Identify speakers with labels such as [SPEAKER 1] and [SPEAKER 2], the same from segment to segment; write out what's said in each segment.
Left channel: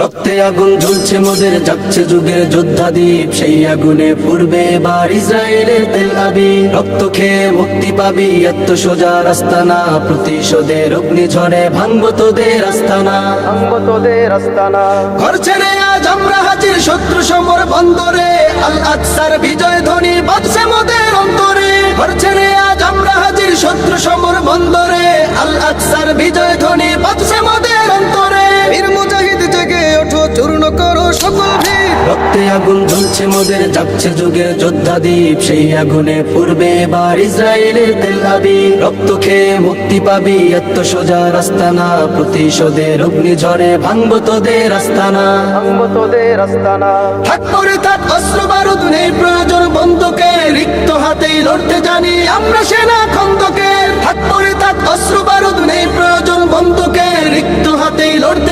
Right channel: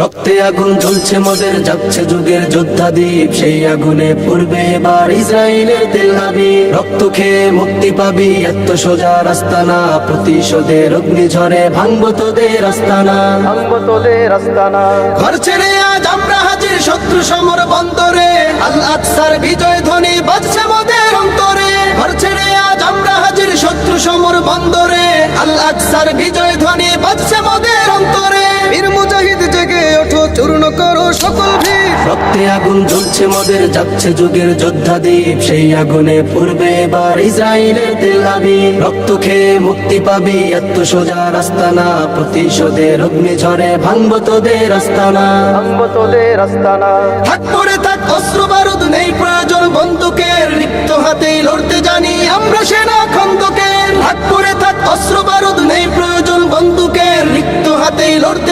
[SPEAKER 1] রক্তে আগুন জ্বলছে মোদের যাচ্ছে যুগের যোদ্ধা দ্বীপ সেই আগুনে পূর্বে এবার ইসরায়েলের তেলাবি রক্ত খেয়ে মুক্তি পাবি এত সোজা রাস্তা না প্রতিশোধের অগ্নি ঝরে ভাঙবো তোদের আস্তানা।
[SPEAKER 2] ভাঙবো তোদের আস্তানা।
[SPEAKER 1] ঘর ছেড়ে আজ আমরা হাজির শত্রু সমর বন্দরে। আল আকসার বিজয় ধ্বনি বাজছে মোদের অন্তরে। ঘর ছেড়ে আজ আমরা হাজির শত্রু সমর বন্দরে। আল আকসার বিজয় ধ্বনি বাজছে মোদের অন্তরে।
[SPEAKER 2] চূর্ণ করো সকল ভিড়।
[SPEAKER 1] রক্তে আগুন জ্বলছে মোদের যাচ্ছে যুগের যোদ্ধা দ্বীপ। সেই আগুনে পূর্বে এবার ইসরায়েলের তেলাবি রক্ত খেয়ে মুক্তি পাবি এত সোজা রাস্তা না প্রতিশোধের অগ্নি ঝরে ভাঙবো তোদের আস্তানা।
[SPEAKER 2] ভাঙবো তোদের আস্তানা।
[SPEAKER 1] থাক করে থাক অস্ত্র বারুদ নেই প্রয়োজন বন্ধুকে। রিক্ত হাতেই লড়তে জানি আমরা সেনা খন্দকে। থাক করে থাক অস্ত্র বারুদ নেই প্রয়োজন বন্ধুকে। রিক্ত হাতেই লড়তে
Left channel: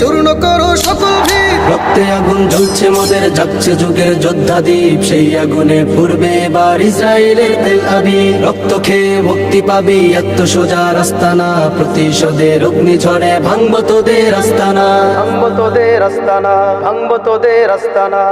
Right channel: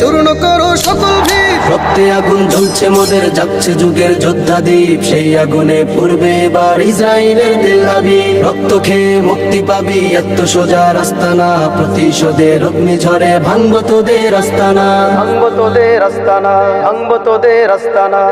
[SPEAKER 2] চূর্ণ করো সকল ভিড়।
[SPEAKER 1] রক্তে আগুন ঝুলছে মোদের যাচ্ছে যুগের যোদ্ধা দ্বীপ। সেই আগুনে পূর্বে এবার ইসরায়েলের তেলাবি রক্ত খেয়ে মুক্তি পাবি এত সোজা রাস্তা না প্রতিশোধের অগ্নি ঝরে ভাঙব তোদের আস্তানা।
[SPEAKER 2] ভাঙব তোদের আস্তানা ভাঙব তোদের আস্তানা।